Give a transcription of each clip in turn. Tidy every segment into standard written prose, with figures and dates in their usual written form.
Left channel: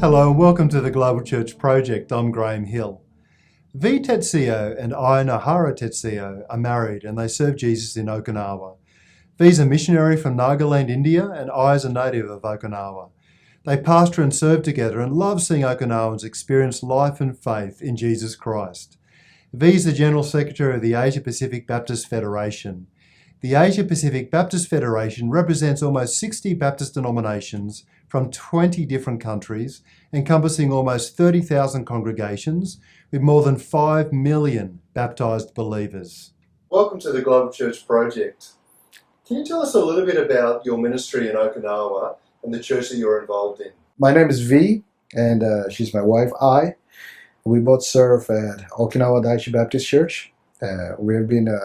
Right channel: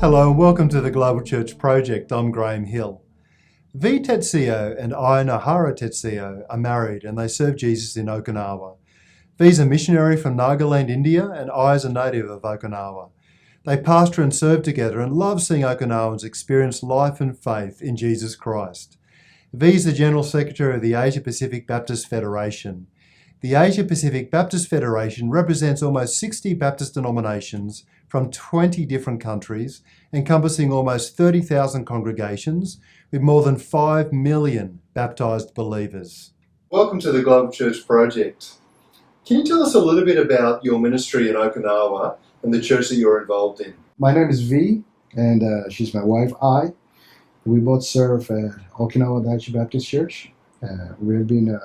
Hello and welcome to the Global Church Project. I'm Graham Hill. Vee Tetseo and Nohara Tetseo are married and they serve Jesus in Okinawa. Vee's a missionary from Nagaland, India, and I is a native of Okinawa. They pastor and serve together and love seeing Okinawans experience life and faith in Jesus Christ. Vee's the General Secretary of the Asia Pacific Baptist Federation. The Asia Pacific Baptist Federation represents almost 60 Baptist denominations from 20 different countries, encompassing almost 30,000 congregations with more than 5 million baptised believers. Welcome to the Global Church Project. Can you tell us a little bit about your ministry in Okinawa and the church that you're involved in? My name is Vee, and she's my wife, I. We both serve at Okinawa Daiichi Baptist Church. We have been,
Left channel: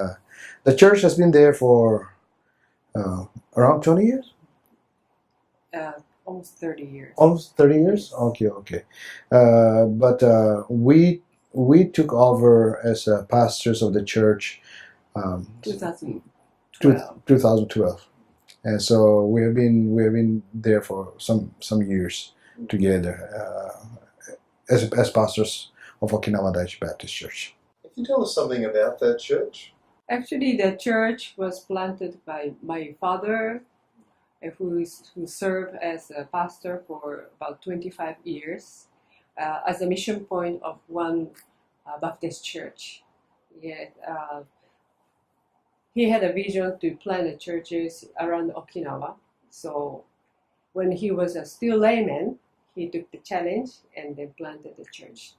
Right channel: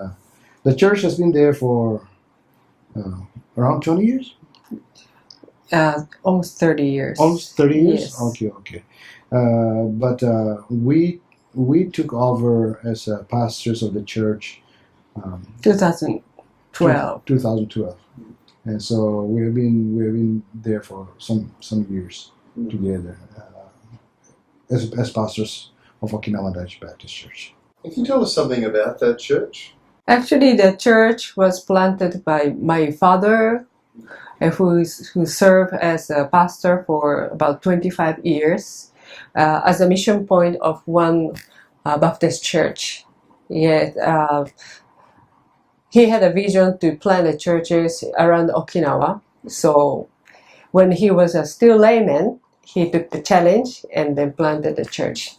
the church has been there for around 20 years? Almost 30 years. Almost 30 years? Yes. Okay. But we took over as pastors of the church 2012. 2012. And so we have been there for some years together as pastors of Okinawa Daiichi Baptist Church. Can you tell us something about that church? Actually, the church was planted by my father, who served as a pastor for about 25 years as a mission point of one Baptist church. Yet, he had a vision to plant the churches around Okinawa. So when he was still layman, he took the challenge and then planted the church.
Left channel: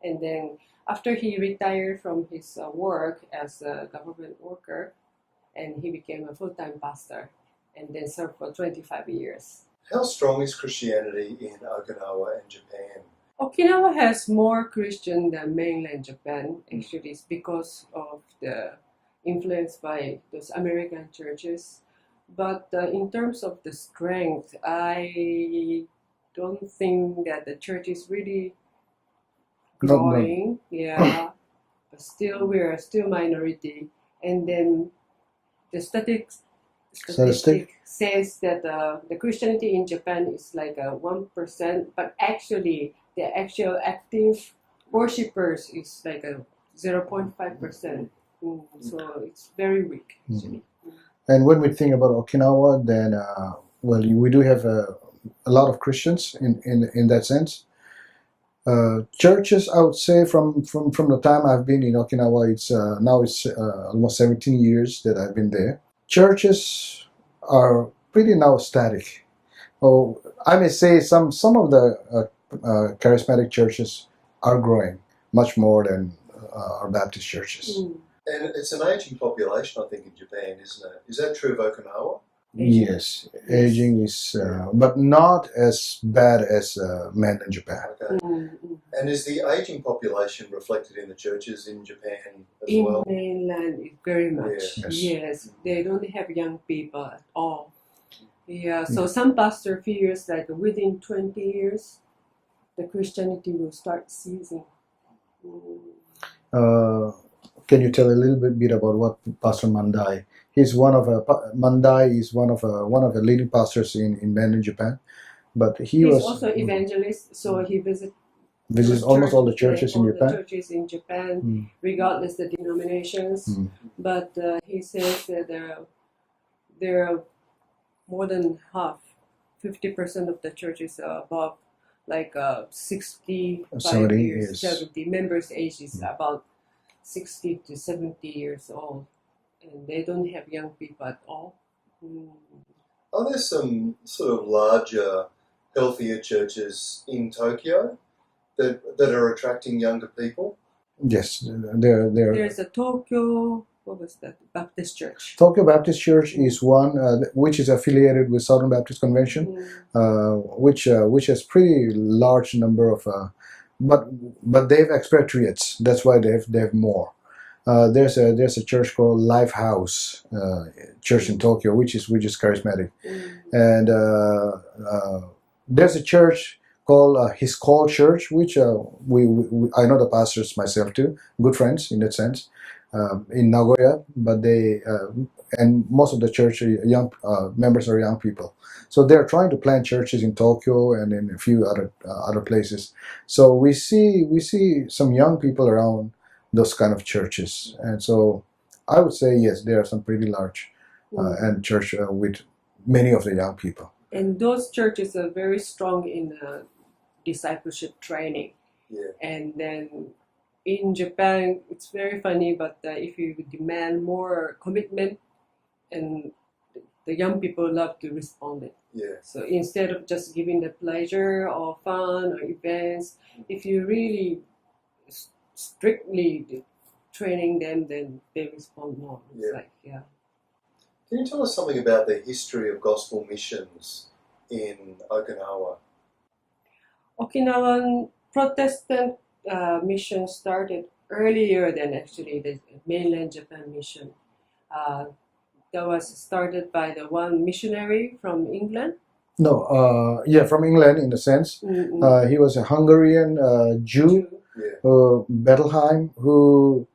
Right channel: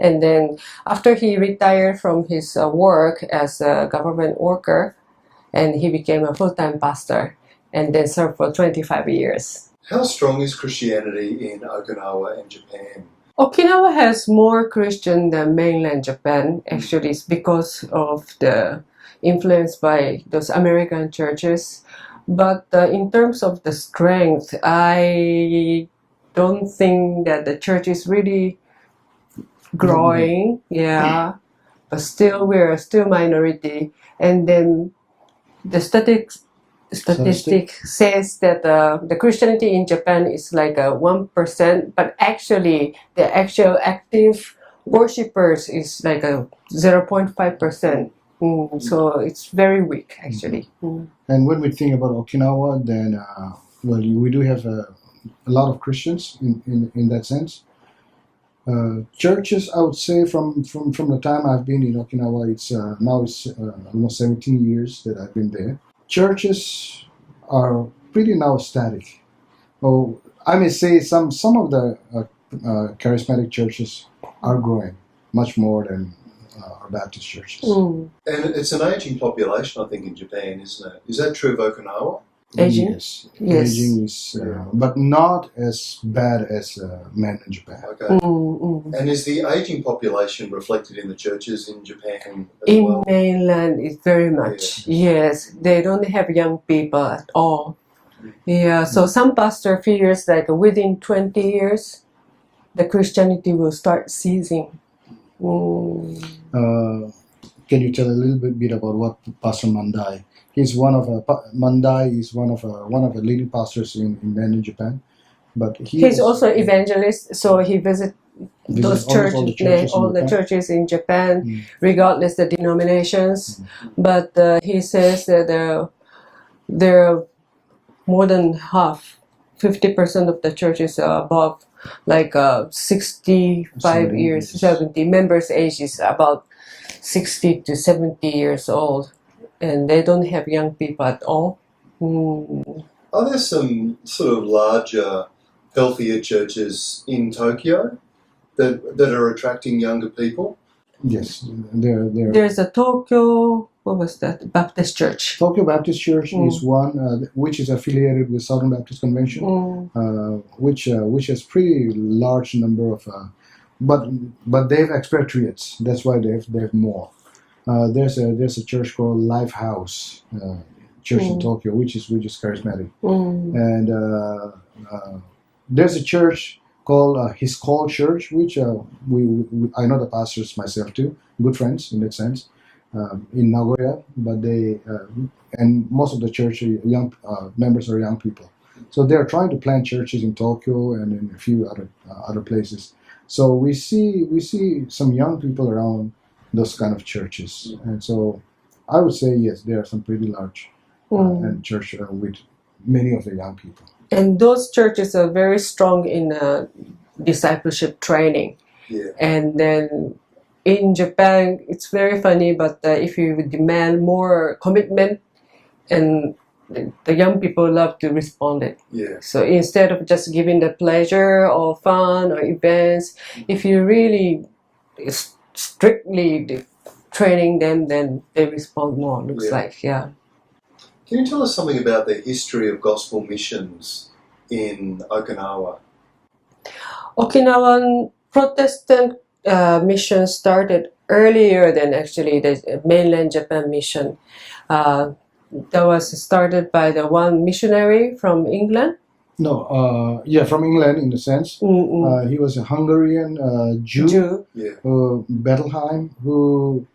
And then after he retired from his work as a government worker, and he became a full-time pastor and then served for 25 years. How strong is Christianity in Okinawa and Japan? Okinawa has more Christian than mainland Japan. Actually, it's because of the influence by those American churches. But in terms of the strength, I don't think that the church is really growing. Yeah, but still we're still minority. And then the statistic says that the Christianity in Japan is like 1%, but actually the actual active worshippers is like 0.5%. So it's very weak actually. And when we think about Okinawa, then we do have a lot of Christians in that sense. Churches, I would say, from the time I've been in Okinawa, it's almost 17 years that I've been there. Churches are pretty now static. Oh, I may say some of the charismatic churches are growing much more than our Baptist churches. And it's an aging population, I think, in Japan, isn't it? Is that true of Okinawa? Aging? Yes. Aging is, but not as bad as mainland Japan. Okay. And is the aging population reflected in the churches in Japan as In well? mainland, it's very much. Yes, they don't have young people at all. Yeah, so some pastor fears that within 20 years, the Christianity will start ceasing. Can you tell a little bit about what Pastor Mandai? Mandai is one of the leading pastors in mainland Japan, but he's also evangelist, so he visits those churches, all the churches in Japan, regardless the denominations. But he says that there are more than half, 50% of the churches are above like 65 years, 70. Members' age is about 60 to 70 years old. And they don't have young people at all. Are there some sort of larger, healthier churches in Tokyo that are attracting younger people? Yes, there. There's a Tokyo, what was that? Baptist Church. Tokyo Baptist Church is one which is affiliated with Southern Baptist Convention, which has pretty large number of, but they have expatriates. That's why they have more. There's a church called Lifehouse Church in Tokyo, which is charismatic, and there's a church called His Call Church, which I know the pastors myself too, good friends in that sense. in Nagoya, but they and most of the church young members are young people. So they're trying to plant churches in Tokyo and in a few other places. So we see some young people around those kind of churches, and so I would say yes, there are some pretty large and church with many of the young people. And those churches are very strong in discipleship training. Yeah. And then in Japan, it's very funny, but if you demand more commitment, and the young people love to respond it. Yeah. So instead of just giving the pleasure or fun or events, if you really strictly training them, then they respond more, looks like, yeah. Can you tell us something about the history of gospel missions in Okinawa? Okinawan Protestant mission started earlier than actually the mainland Japan mission. That was started by the one missionary from England. No, from England in a sense. He was a Hungarian Jew. Bettelheim, who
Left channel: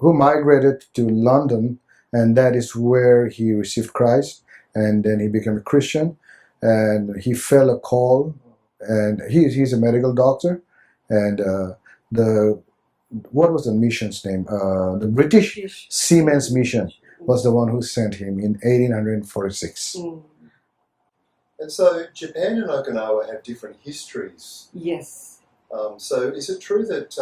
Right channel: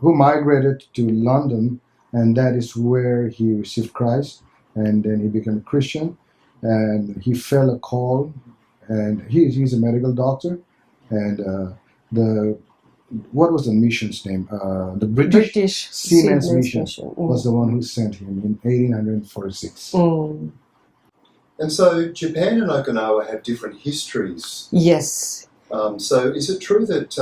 migrated to London, and that is where he received Christ, and then he became a Christian, and he felt a call, and he's a medical doctor, and what was the mission's name? The British Seamen's Mission was the one who sent him in 1846. And so Japan and Okinawa have different histories. Yes. So is it true that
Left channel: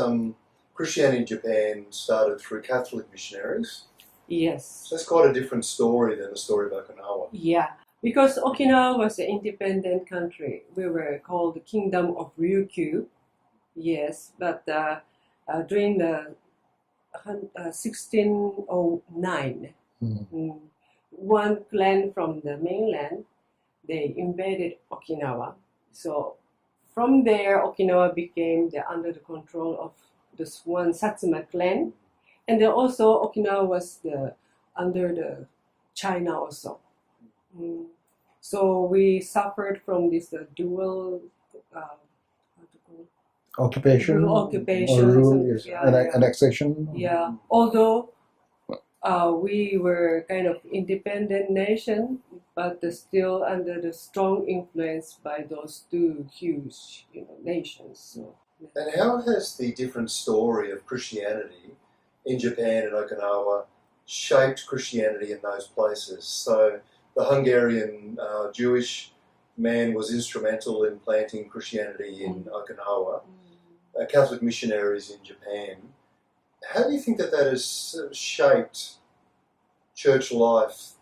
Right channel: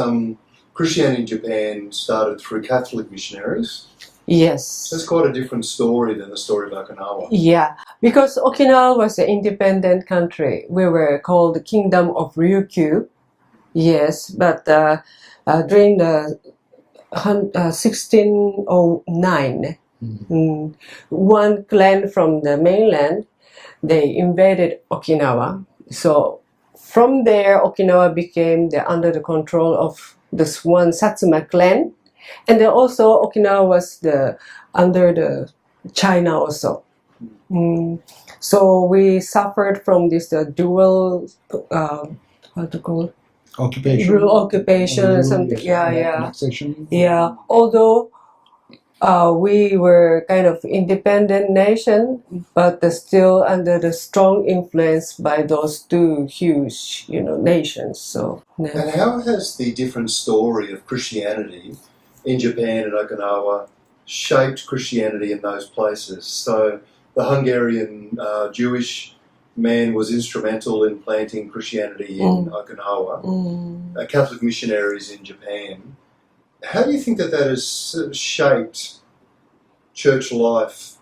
Christianity in Japan started through Catholic missionaries? Yes. That's quite a different story than the story of Okinawa. Yeah, because Okinawa was an independent country. We were called the Kingdom of Ryukyu. Yes, but during the 1609, one clan from the mainland, they invaded Okinawa. So from there, Okinawa became under the control of this one Satsuma clan. And then also Okinawa was under the China also. So we suffered from this dual, how to call it? Occupation, something. Annexation. Yeah. Although we were kind of independent nation, but still under the strong influence by those two huge, nations. So. Yeah. And how has the different story of Christianity in Japan and Okinawa shaped Christianity in those places? So the Hungarian Jewish man was instrumental in planting Christianity in Okinawa, Catholic missionaries in Japan. How do you think that has shaped church life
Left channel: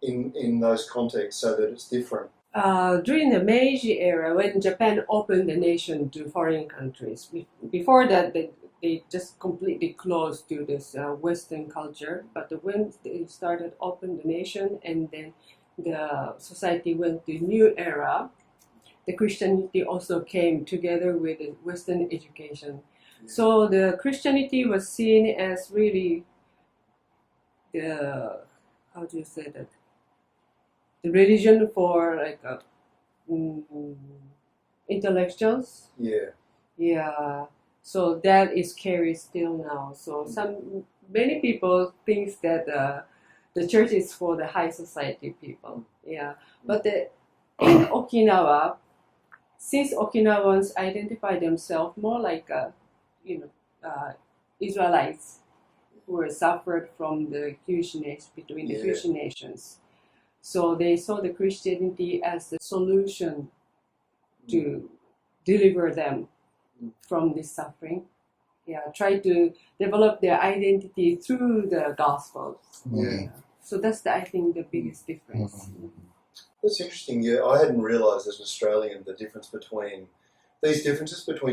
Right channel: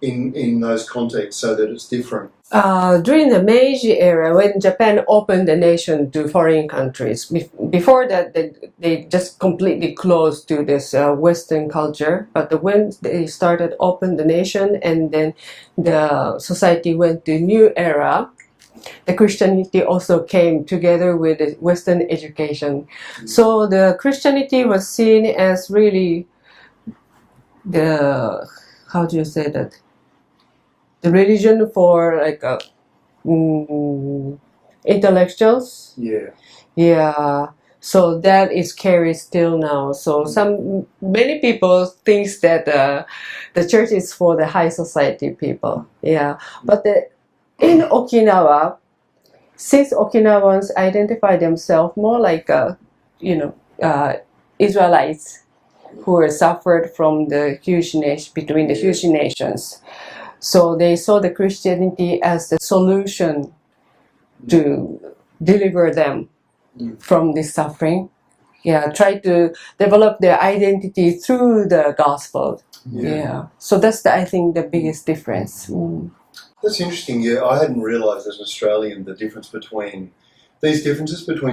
in those contexts so that it's different? During the Meiji era, when Japan opened the nation to foreign countries, before that they just completely closed to this Western culture. But when they started open the nation, and then the society went to new era, the Christianity also came together with the Western education. So the Christianity was seen as really the religion for intellectuals. Yeah. So that is carried still now. So many people thinks that the church is for the high society people. Yeah. But in Okinawa, since Okinawans identify themselves more like Israelites who were suffered from the huge between the huge nations. So they saw the Christianity as the solution to deliver them from this suffering. Yeah, try to develop their identity through the gospel. Yeah. So that's I think the biggest difference. That's interesting. Yeah, I hadn't realised as an Australian the differences between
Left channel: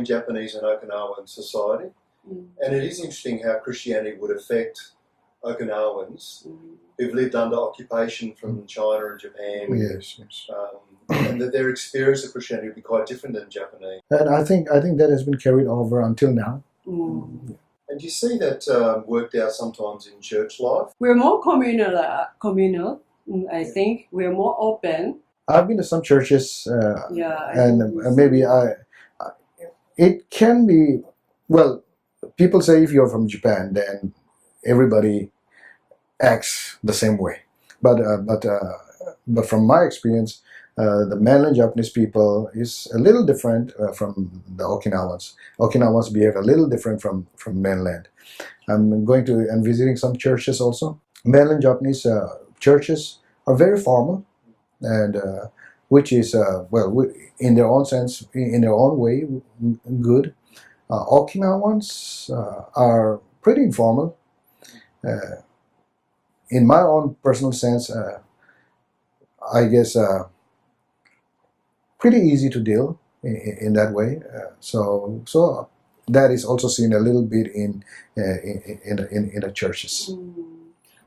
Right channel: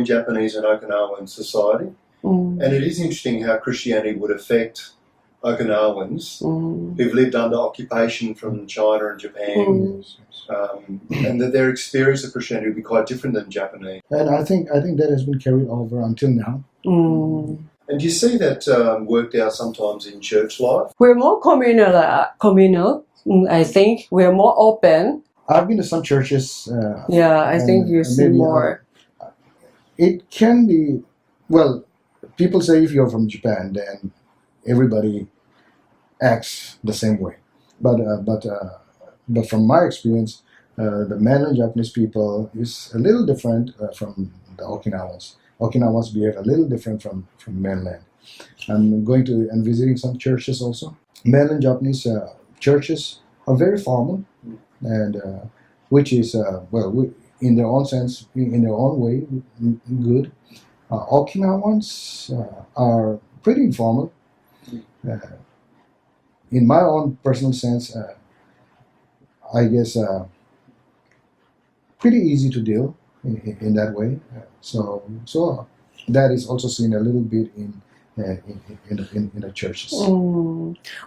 Japanese and Okinawan society. And it is interesting how Christianity would affect Okinawans who've lived under occupation from China and Japan, and that their experience of Christianity would be quite different than Japanese. And I think that has been carried over until now. And do you see that worked out sometimes in church life? We're more communal. I think we're more open. I've been to some churches. I think you see maybe more. It can be people say if you're from Japan, then everybody acts the same way. But from my experience, the mainland Japanese people is a little different from the Okinawans. Okinawans behave a little different from mainland. I'm visiting some churches also. Mainland Japanese churches are very formal, and which is in their own sense, in their own way, good. Okinawans are pretty informal. In my own personal sense, I guess pretty easy to deal in that way. So that is also seen a little bit in the churches.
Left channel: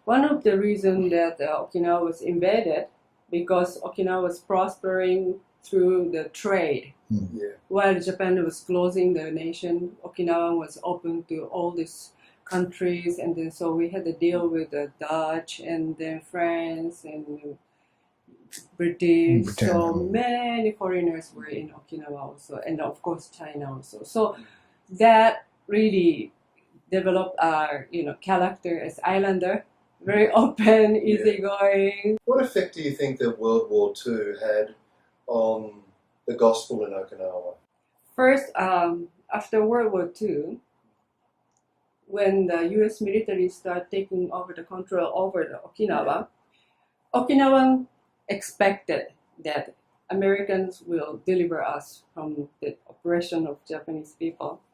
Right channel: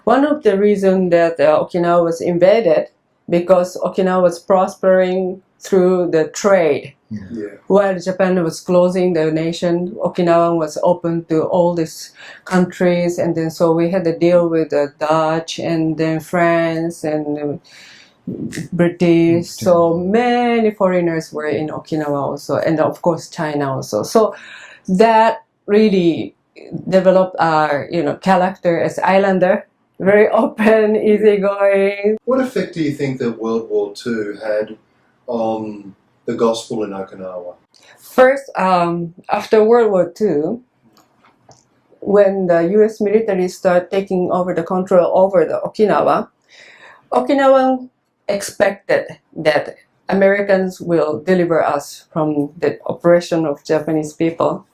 One of the reasons that Okinawa was invaded because Okinawa was prospering through the trade. Yeah. While Japan was closing the nation, Okinawa was open to all these countries, and then so we had to deal with the Dutch and then France and British. So many foreigners were in Okinawa also, and of course China also. So that really developed our character as islander, very open, easygoing. What effect do you think that World War II had on the gospel in Okinawa? First, after World War II, when the U.S. military started taking over the control over the Okinawan expected that Americans will deliver us from the oppression of Japanese people.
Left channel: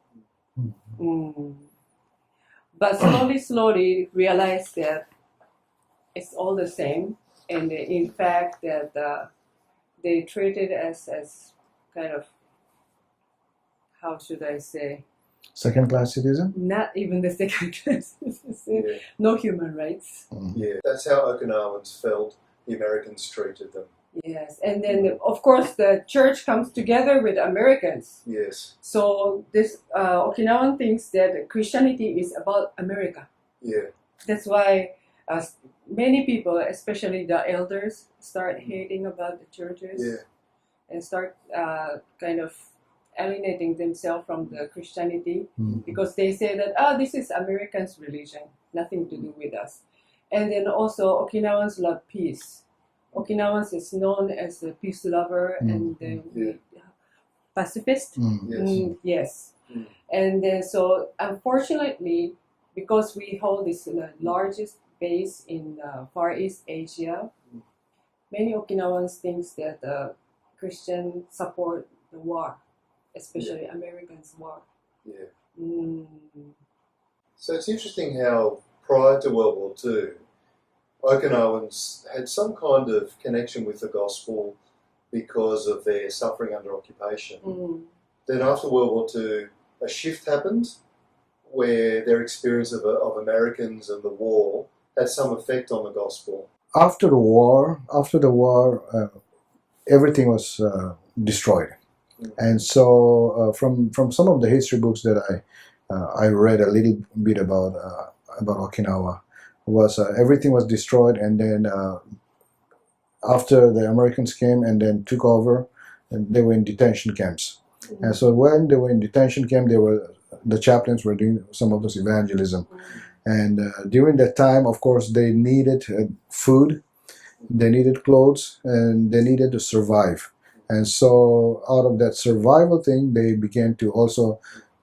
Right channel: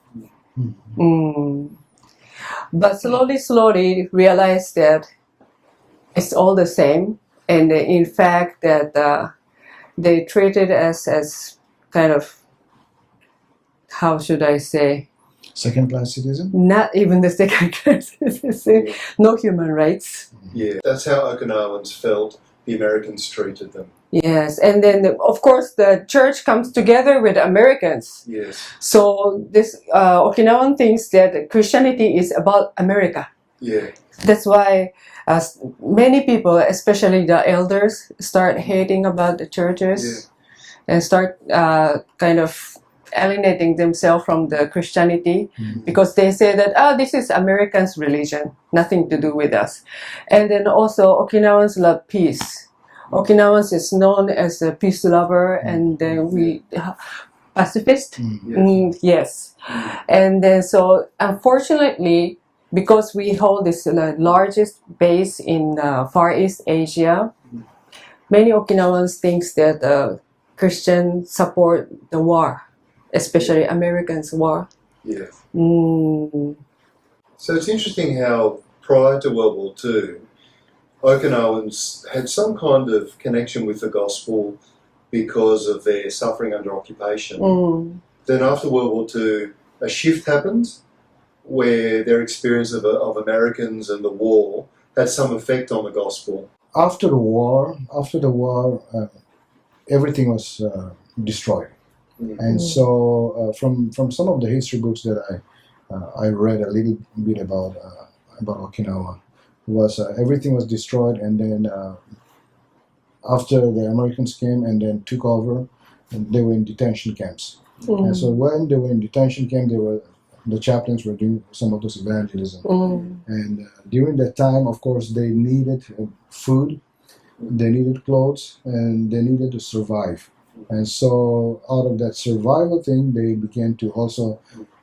But slowly realized that it's all the same, and in fact that they treated us as kind of, how should I say? Second-class citizen? Not even the second-class citizen. No human rights. Yeah, that's how Okinawans felt the Americans treated them. Yes, and then of course the church comes together with Americans. Yes. So this Okinawan thinks that Christianity is about America. Yeah. That's why many people, especially the elders, start hating about the churches and start kind of alienating themselves from the Christianity because they say that this is Americans' religion, nothing to do with us. And then also Okinawans love peace. Okinawans is known as a peace lover, and we pacifist. Yes. And then so unfortunately, because we hold this largest base in Far East Asia, many Okinawans thinks that Christians support the war, especially Americans' war. Yeah. So it's interesting how prior to World War II, Okinawans had some kind of connection with the gospel because of their suffering under occupation. Then after World War II, a shift happened where their experience of Americans and the war had some effect on the gospel. After the war, everything was destroyed. And so from some of the history books that I read a little bit about Okinawa, was everything was destroyed, and then after the Americans came and then took over, and they were in detention camps. And so when they were in detention camp, the chaplains were doing some of this evangelism. And during that time, of course, they needed food, they needed clothes, and they needed to survive. And so out of that survival thing, they began to also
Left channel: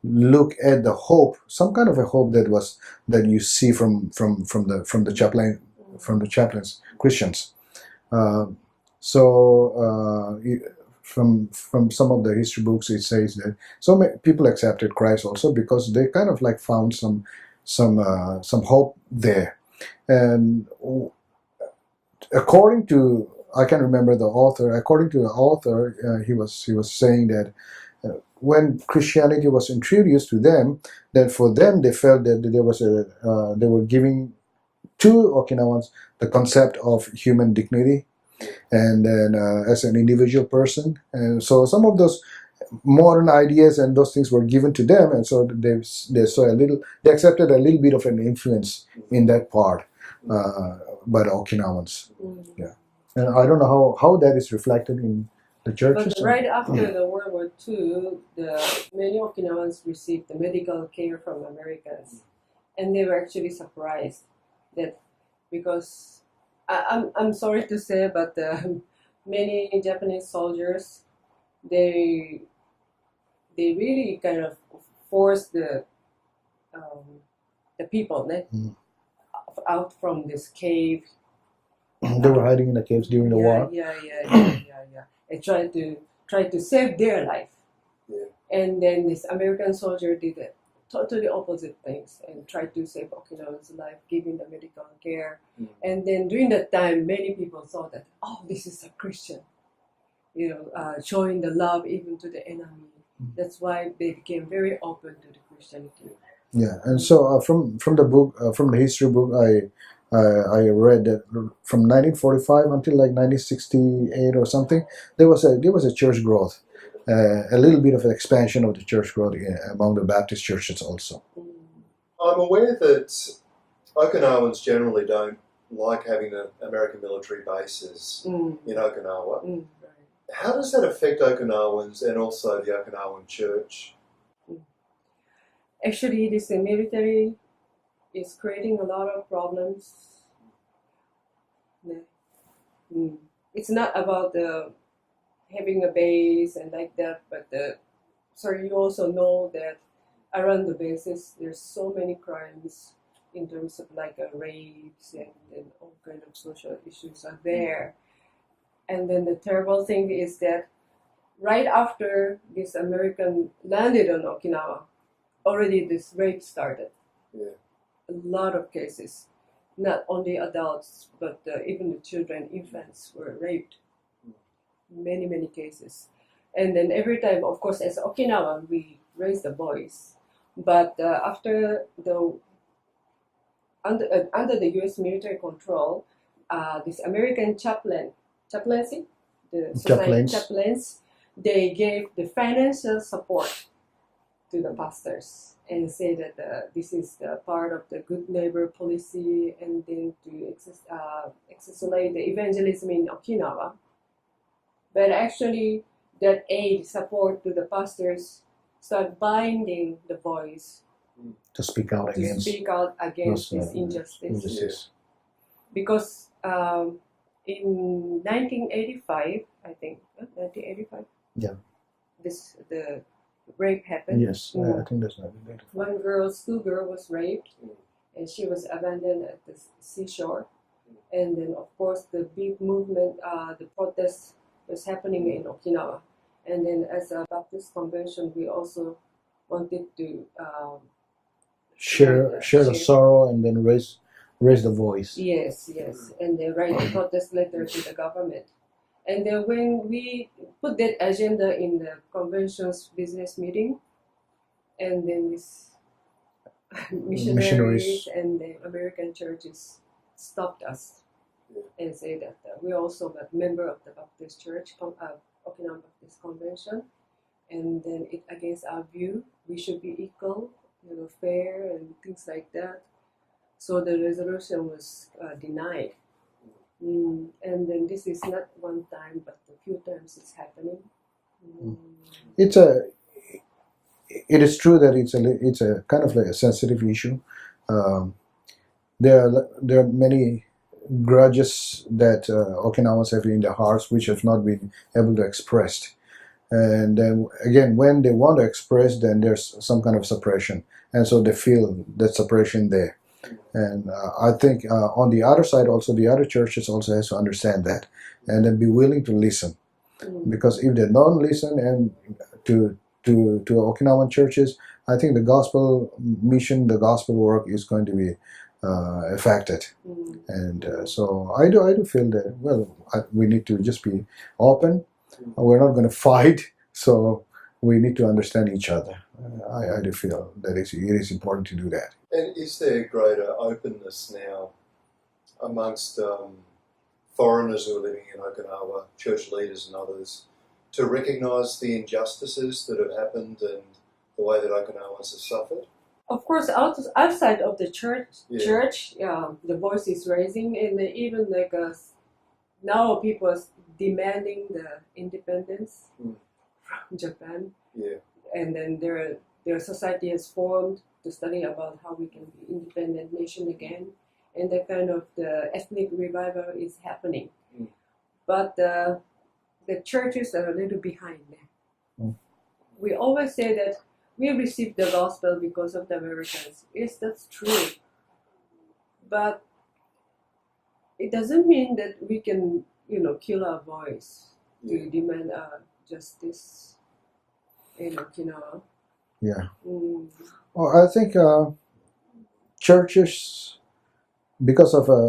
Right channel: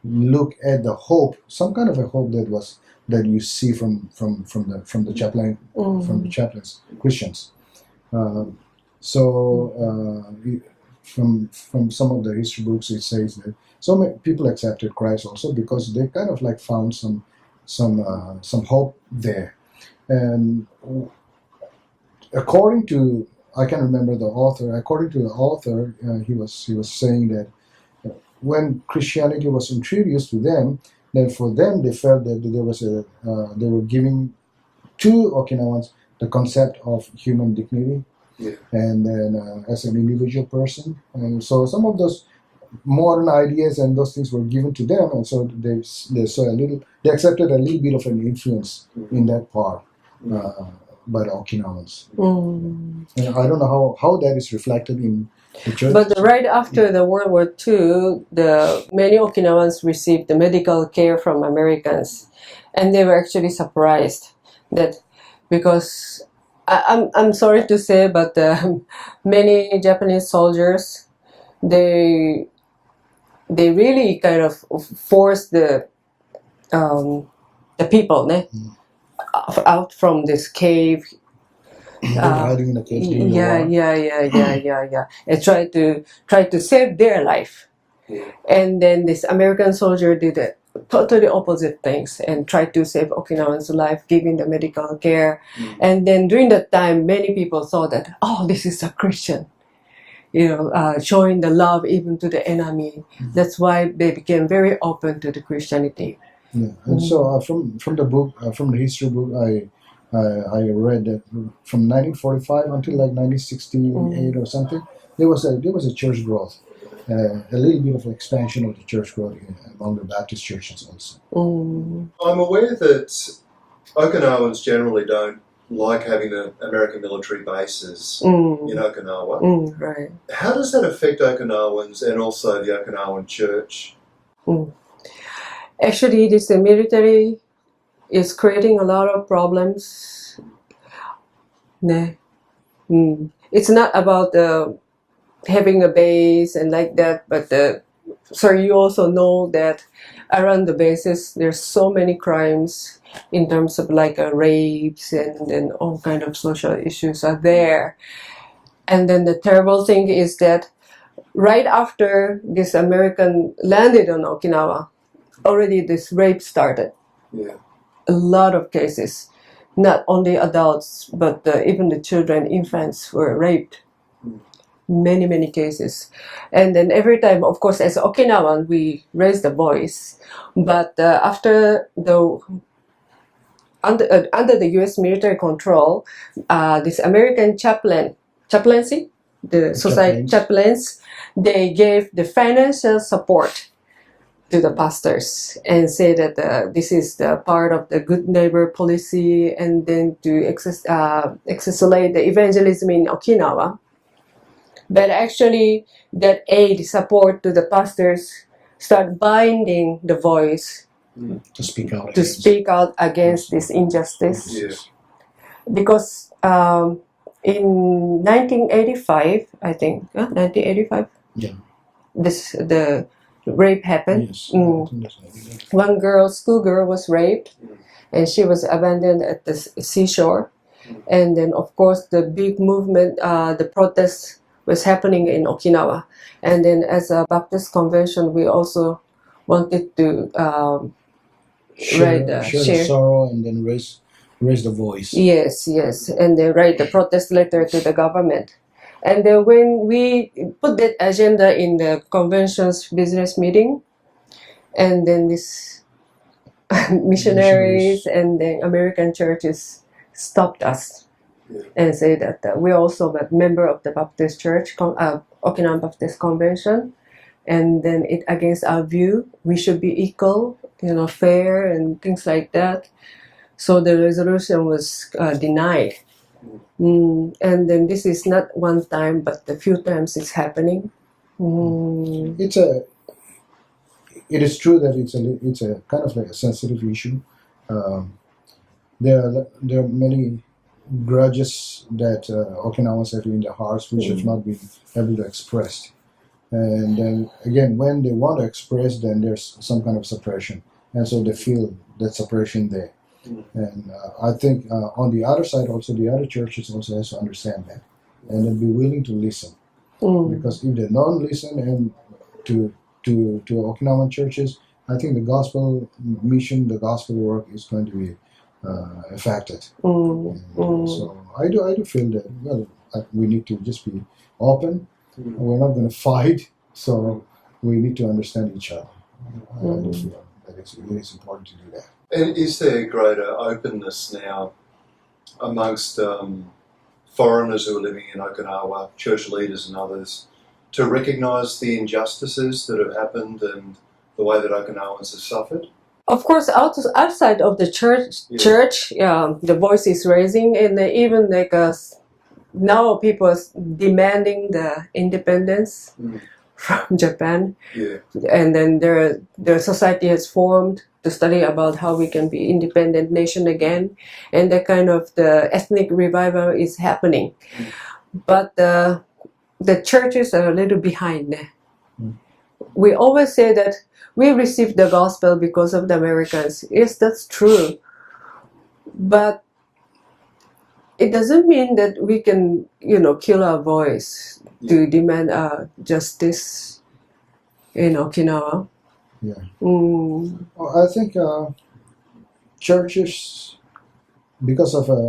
look at the hope, some kind of a hope that you see from the chaplains, Christians. From some of the history books, it says that so many people accepted Christ also because they kind of like found some hope there. And according to, I can't remember the author. According to the author, he was saying that when Christianity was introduced to them, then for them they felt that they were giving to Okinawans the concept of human dignity, and then as an individual person, and so some of those modern ideas and those things were given to them, and so they accepted a little bit of an influence in that part by the Okinawans. And I don't know how that is reflected But right after the World War II, many Okinawans received the medical care from Americans, and they were actually surprised that because I'm sorry to say, but many Japanese soldiers they really kind of forced the people out from this cave. They were hiding in the caves during the war. Yeah. And try to save their life. And then this American soldier did the totally opposite things and tried to save Okinawans' life, giving the medical care. And then during that time, many people thought that, oh, this is a Christian, showing the love even to the enemy. That's why they became very open to the Christianity. Yeah, and so from the book, from the history book, I read that from 1945 until like 1968 or something, there was a church growth, a little bit of an expansion of the church growth among the Baptist churches also. I'm aware that Okinawans generally don't like having the American military bases in Okinawa. Right. How does that affect Okinawans and also the Okinawan church? Actually, this military is creating a lot of problems. It's not about having a base and like that, but you also know that around the bases there's so many crimes in terms of like rapes and then all kind of social issues are there. And then the terrible thing is that right after this American landed on Okinawa, already this rape started. Yeah. A lot of cases, not only adults, but even the children, infants were raped. Many cases. And then every time, of course, as Okinawan, we raise the voice. But after under the U.S. military control, this American chaplaincy, the society chaplains, they gave the financial support to the pastors and say that this is the part of the good neighbor policy, and then to accelerate the evangelism in Okinawa. But actually, that aid support to the pastors start binding the voice to speak out against this injustice. Yes. Because in 1985, I think, 1985. Yeah. The rape happened. Yes, I think that's right. One schoolgirl was raped, and she was abandoned at the seashore. And then, of course, the big movement, the protest was happening in Okinawa. And then, as a Baptist convention, we also wanted to share the sorrow and then raise the voice. Yes, and then write the protest letter to the government. And then when we put that agenda in the convention's business meeting, and then this missionaries and the American churches stopped us and say that we're also a member of the Baptist Church, Okinawan Baptist Convention, and then it against our view, we should be equal, fair and things like that. So the resolution was denied. And then this is not one time, but a few times it's happening. It is true that it's a kind of like a sensitive issue. There are many grudges that Okinawans have in their hearts which have not been able to express. And then again, when they want to express, then there's some kind of suppression, and so they feel that suppression there. And I think on the other side also, the other churches also has to understand that and then be willing to listen. Because if they don't listen and to Okinawan churches, I think the gospel mission, the gospel work is going to be affected. And so I do feel that, we need to just be open. We're not going to fight, so we need to understand each other. I do feel that it is important to do that. And is there greater openness now amongst foreigners who are living in Okinawa, church leaders and others, to recognise the injustices that have happened and the way that Okinawans have suffered? Of course, outside of the church, the voice is raising, and even like now people are demanding the independence from Japan, and then their society has formed to study about how we can be independent nation again, and the kind of the ethnic revival is happening, but the churches are a little behind. We always say that we received the gospel because of the Americans. Yes, that's true, but it doesn't mean that we can, kill our voice to demand justice in Okinawa. Yeah. Well, I think churches,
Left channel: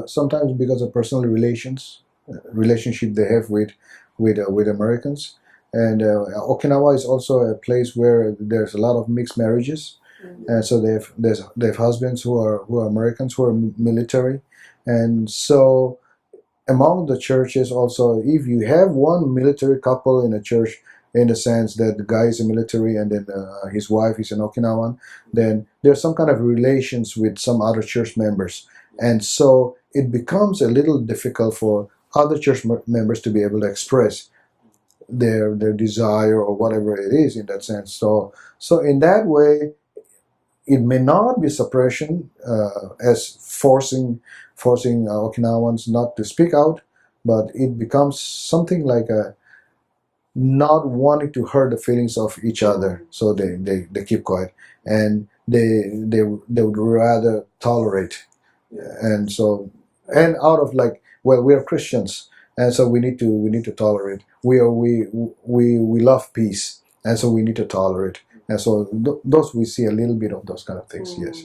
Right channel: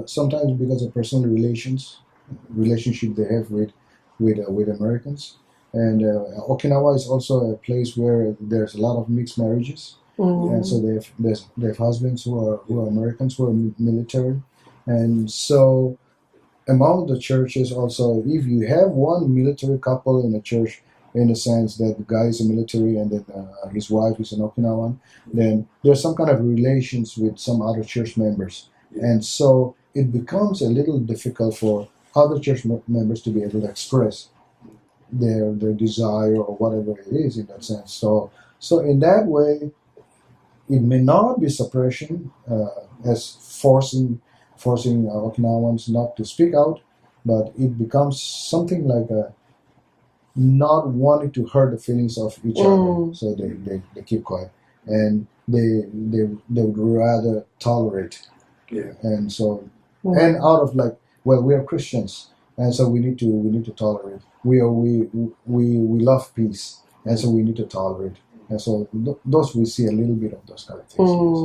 sometimes because of personal relationship they have with Americans, and Okinawa is also a place where there's a lot of mixed marriages, and so they have husbands who are Americans, who are military. And so among the churches also, if you have one military couple in a church, in the sense that the guy is a military and then his wife is an Okinawan, then there's some kind of relations with some other church members. And so it becomes a little difficult for other church members to be able to express their desire or whatever it is in that sense. So in that way, it may not be suppression as forcing Okinawans not to speak out, but it becomes something like a not wanting to hurt the feelings of each other, so they keep quiet, and they would rather tolerate, and so and out of like, well, we are Christians, and so we need to tolerate. We love peace, and so we need to tolerate, and so those we see a little bit of those kind of things. Yes.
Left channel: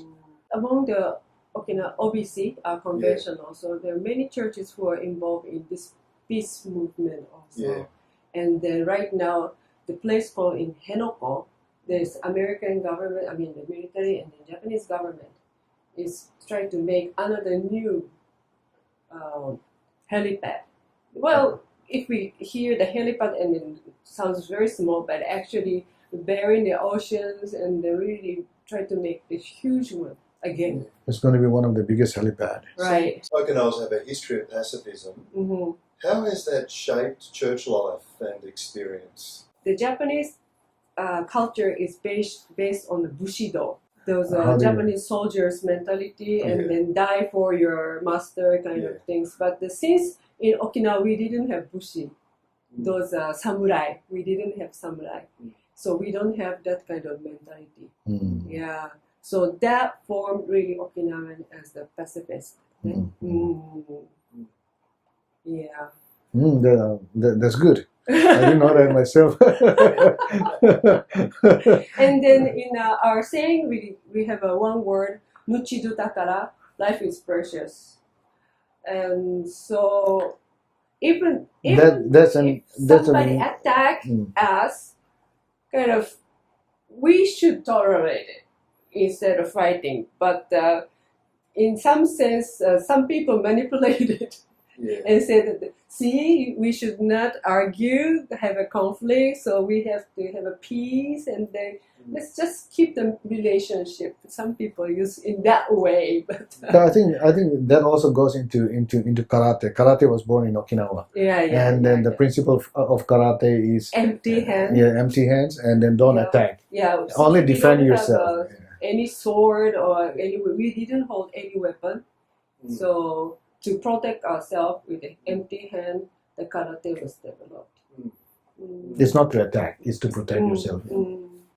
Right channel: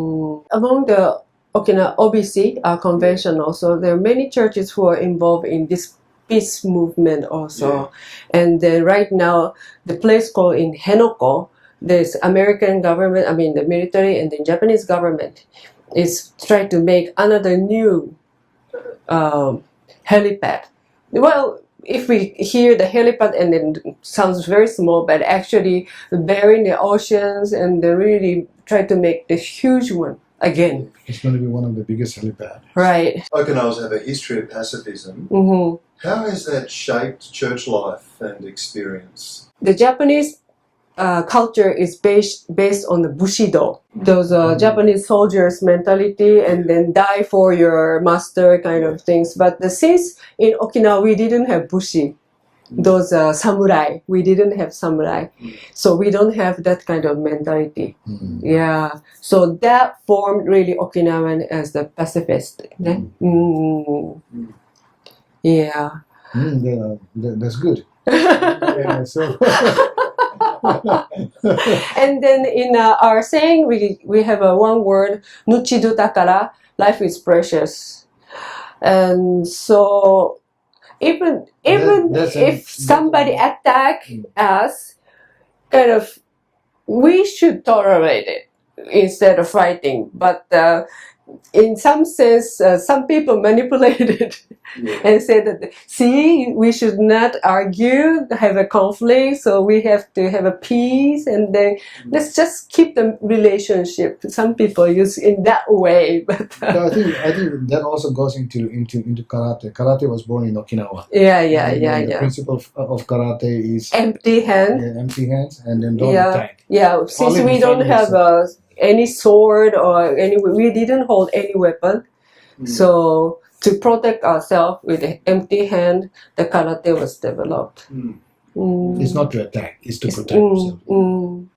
Among the Okinawa OBC convention also, there are many churches who are involved in this peace movement also. And then right now, the place called in Henoko, there's American government, the military and the Japanese government is trying to make another new helipad. Well, if we hear the helipad and then it sounds very small, but actually they're in the oceans and they really try to make this huge one again. It's going to be one of the biggest helipads. Right. Okinawans have a history of pacifism. How has that shaped church life and experience? The Japanese culture is based on the bushido, those Japanese soldiers' mentality, and then die for your master kind of things. But since in Okinawa we didn't have bushi, those samurai, we didn't have samurai, so we don't have that kind of mentality. Yeah, so that formed really Okinawan as the pacifist. Yeah. That's good. I didn't know that myself. And then in our saying, we have one word, nuchidu takara, life is precious. And so even if somebody attack us, kind of, we should tolerate it instead of fighting. But in some sense, some people manipulate it and say that, see, we should not argue, have a conflict, so we have to have a peace, and then let's just keep the relationship. Some people use in that way, but I think that also goes into karate. Karate was born in Okinawa. The principle of karate is empty hand. Yeah, empty hands, and then don't attack. Yeah, since Only we don't have any sword or we didn't hold any weapon, so to protect ourselves with an empty hand, the karate was developed. It's not to attack; it's to protect yourself.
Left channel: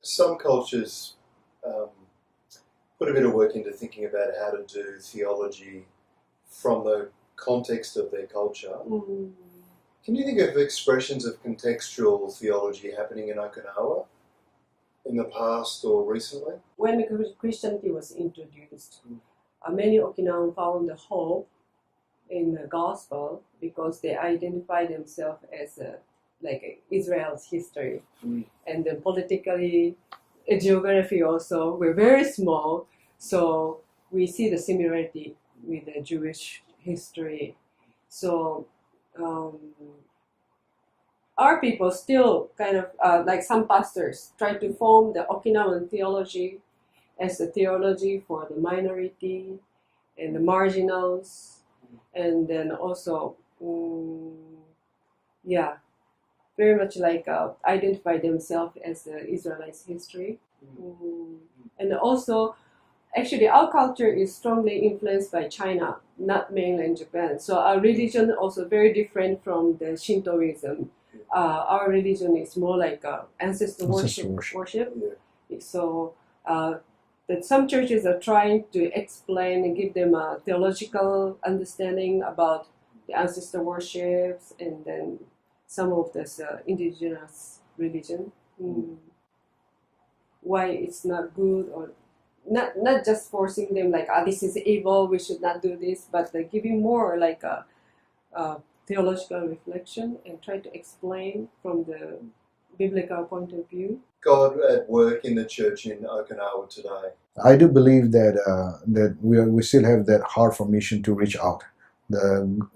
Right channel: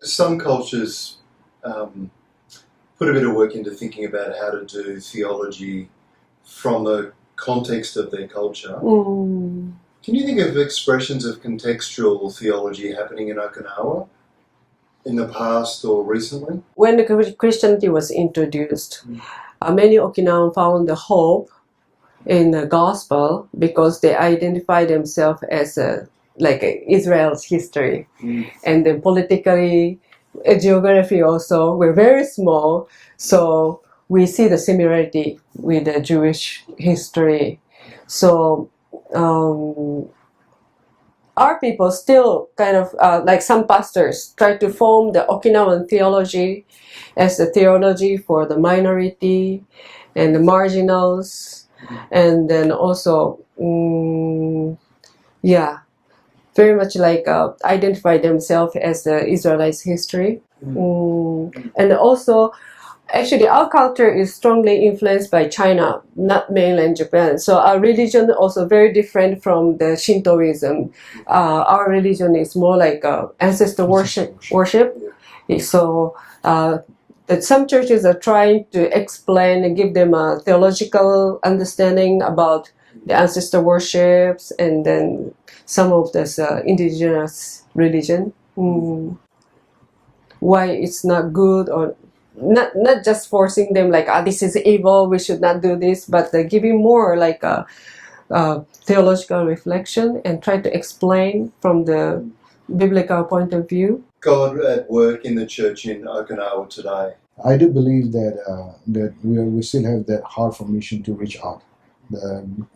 Some cultures put a bit of work into thinking about how to do theology from the context of their culture. Can you think of expressions of contextual theology happening in Okinawa in the past or recently? When the Christianity was introduced, many Okinawans found the hope in the gospel because they identify themselves as Israel's history, and then politically, geography also, we're very small, so we see the similarity with the Jewish history. So our people still kind of, like some pastors, try to form the Okinawan theology as the theology for the minority and the marginals, and then also yeah, very much like identify themselves as the Israelites' history. And also, actually, our culture is strongly influenced by China, not mainland Japan. So our religion also very different from the Shintoism. Our religion is more like ancestor worship. So that some churches are trying to explain and give them a theological understanding about the ancestor worships, and then some of this indigenous religion. Why it's not good, or not just forcing them like, this is evil, we should not do this, but giving more like a theological reflection and try to explain from the biblical point of view. God at work in the church in Okinawa today. I do believe that that we still have that heart for mission to reach out,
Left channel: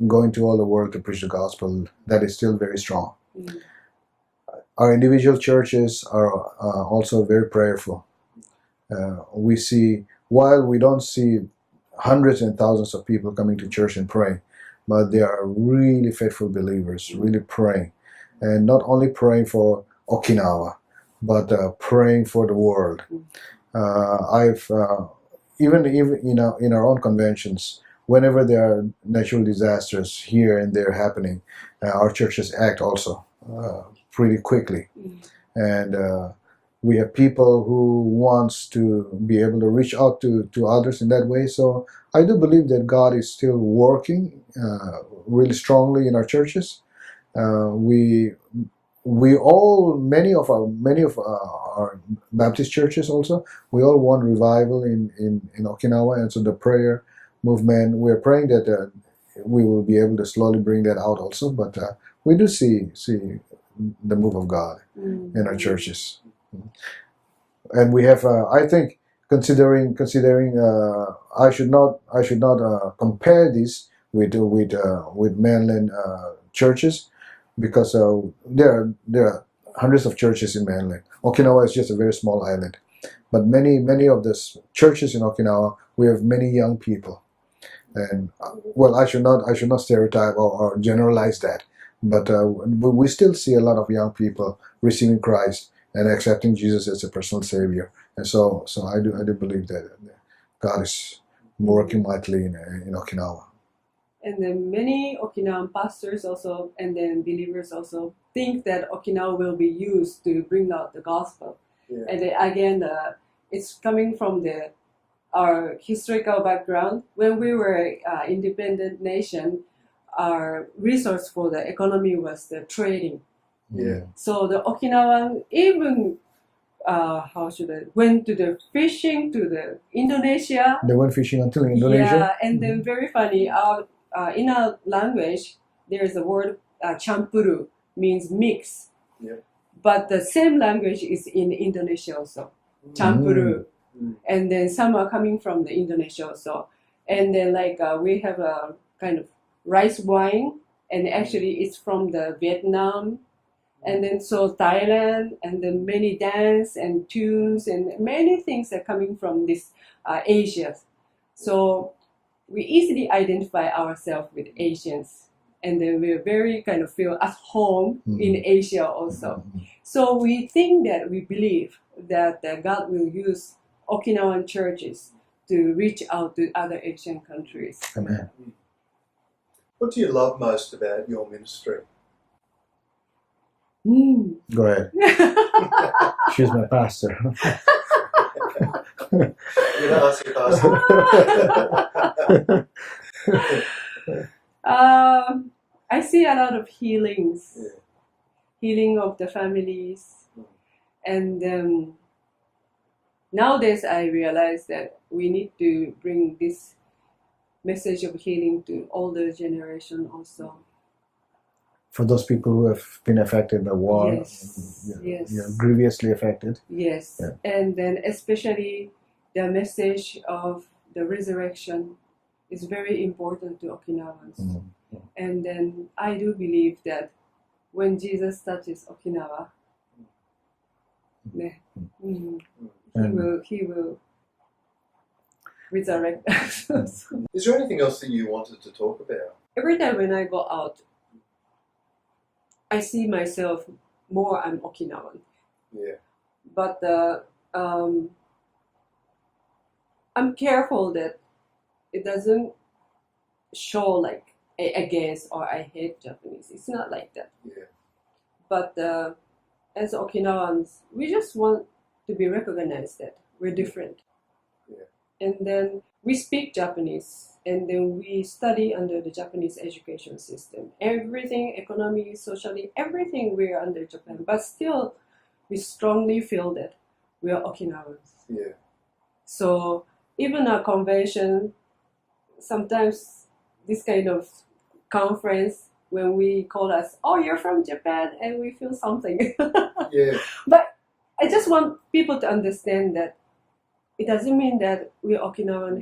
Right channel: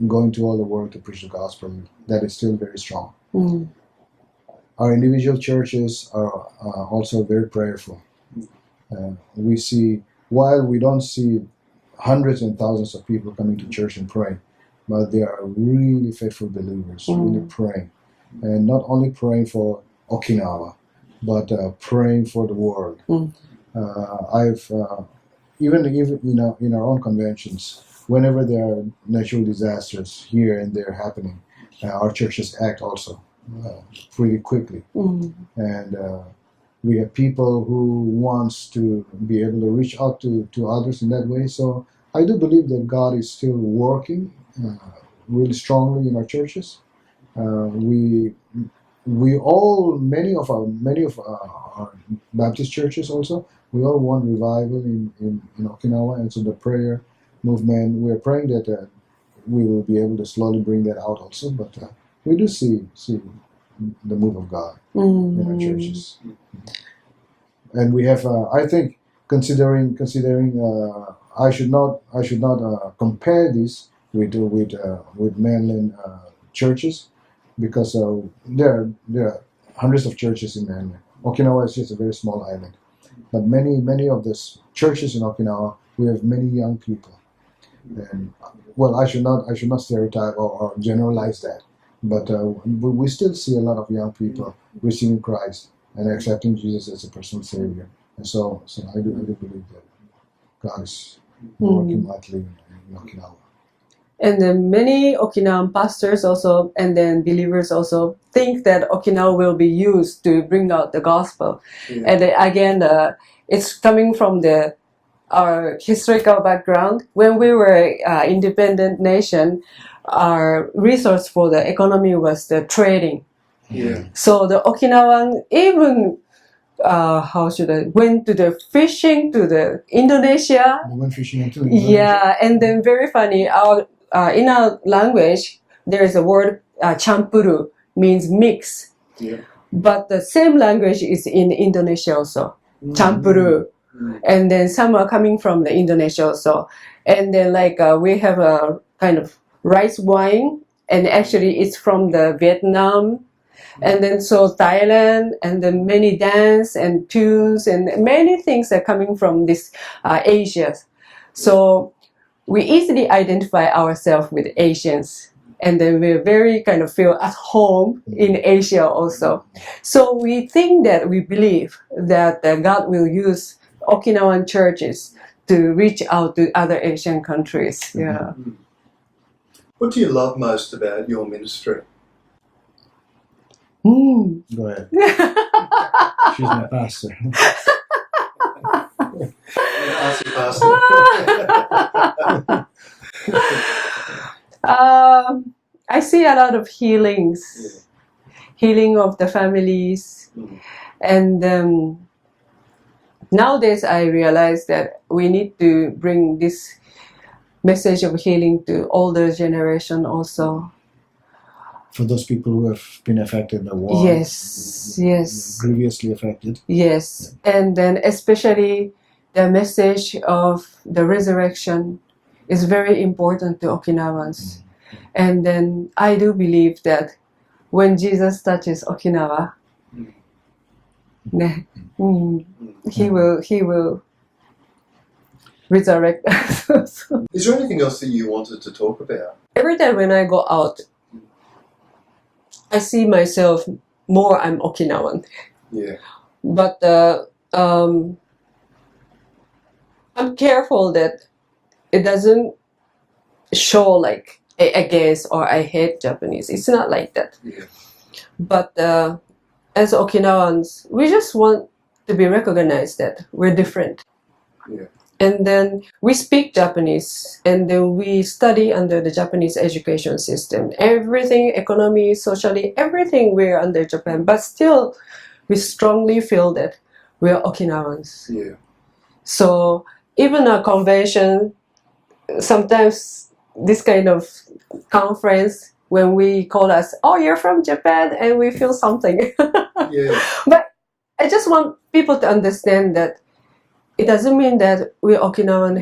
going to all the world to preach the gospel. That is still very strong. Our individual churches are also very prayerful. We see, while we don't see hundreds and thousands of people coming to church and praying, but they are really faithful believers, really praying, and not only praying for Okinawa, but praying for the world. I've even in our own conventions, whenever there are natural disasters here and there happening, our churches act also pretty quickly, and we have people who wants to be able to reach out to others in that way. So I do believe that God is still working really strongly in our churches. We all, many of our Baptist churches also, we all want revival in Okinawa, and so the prayer movement, we're praying that we will be able to slowly bring that out also. But we do see the move of God in our churches, and we have. I think considering I should not compare this with mainland churches, because there are hundreds of churches in mainland. Okinawa is just a very small island, but many of the churches in Okinawa, we have many young people, and well, I should not stereotype or generalize that, but we still see a lot of young people receiving Christ and accepting Jesus as a personal Savior, and so I do believe that God is working mightily in Okinawa. And then many Okinawan pastors also, and then believers also, think that Okinawa will be used to bring out the gospel. And then again, it's coming from our historical background. When we were independent nation, our resource for the economy was the trading. So the Okinawan even went to the fishing to the Indonesia. They went fishing until Indonesia. Yeah, and then very funny. In our language, there is a word campuru, means mix. But the same language is in Indonesia also, campuru. And then some are coming from the Indonesia also. And then like we have a kind of rice wine, and actually it's from the Vietnam. And then so Thailand, and then many dance and tunes and many things are coming from this Asia. So we easily identify ourselves with Asians, and then we very kind of feel at home in Asia also. So we believe that God will use Okinawan churches to reach out to other Asian countries. Yeah. What do you love most about your ministry? Go ahead. She's my pastor. I'm going to ask you, Pastor. I see a lot of healings, healing of the families, and nowadays I realize that we need to bring this message of healing to older generation also. For those people who have been affected by war. Yes. Grievously affected. Yes. Yeah. And then especially the message of the resurrection is very important to Okinawans. And then I do believe that when Jesus touches Okinawa, he will resurrect us. Is there anything else that you wanted to talk about? Every time when I go out, I see myself more. I'm Okinawan. Yeah. But I'm careful that it doesn't show like I against or I hate Japanese. It's not like that. Yeah. But as Okinawans, we just want to be recognized that we're different. Yeah. And then we speak Japanese, and then we study under the Japanese education system. Everything, economy, socially, everything we're under Japan. But still, we strongly feel that we're Okinawans. Yeah. So even a convention, sometimes this kind of conference, when we call us, oh, you're from Japan, and we feel something. Yeah. But I just want people to understand that it doesn't mean that we Okinawan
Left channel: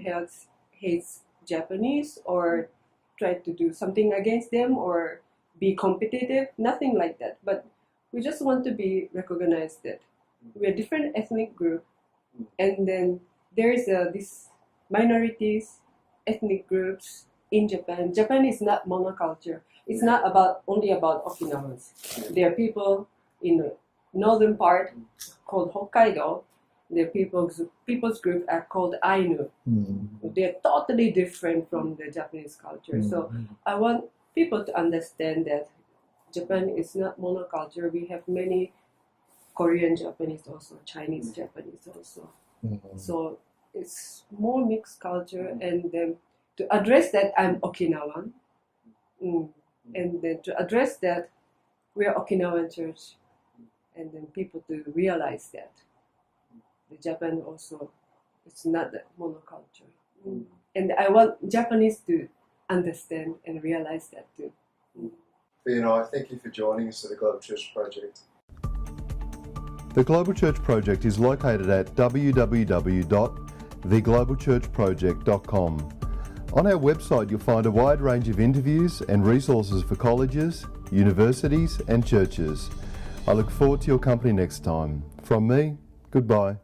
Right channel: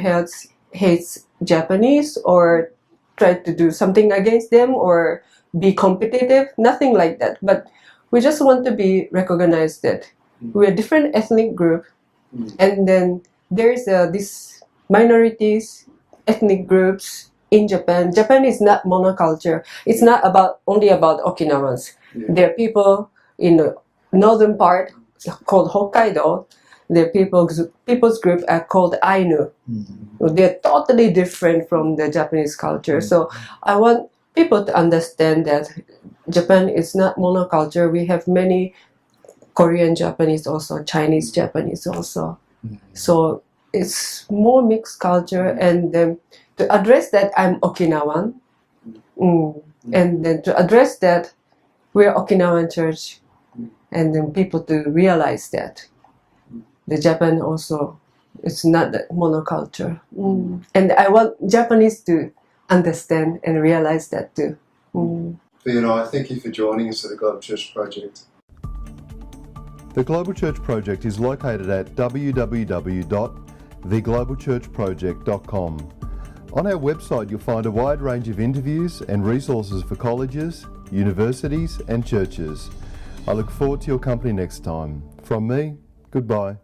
hates Japanese or try to do something against them or be competitive. Nothing like that. But we just want to be recognized that we're a different ethnic group, and then there is this minorities, ethnic groups in Japan. Japan is not monoculture. It's not only about Okinawans. Yeah. There are people in the northern part called Hokkaido. The people's group are called Ainu. They're totally different from the Japanese culture. So I want people to understand that Japan is not monoculture. We have many Korean Japanese also, Chinese Japanese also. So it's more mixed culture, and then to address that I'm Okinawan, and then to address that we're Okinawan church, and then people to realize that the Japan also, it's not that monoculture. And I want Japanese to understand and realize that too. Vee and I thank you for joining us at the Global Church Project. The Global Church Project is located at www.theglobalchurchproject.com. On our website you'll find a wide range of interviews and resources for colleges, universities and churches. I look forward to your company next time. From me, goodbye.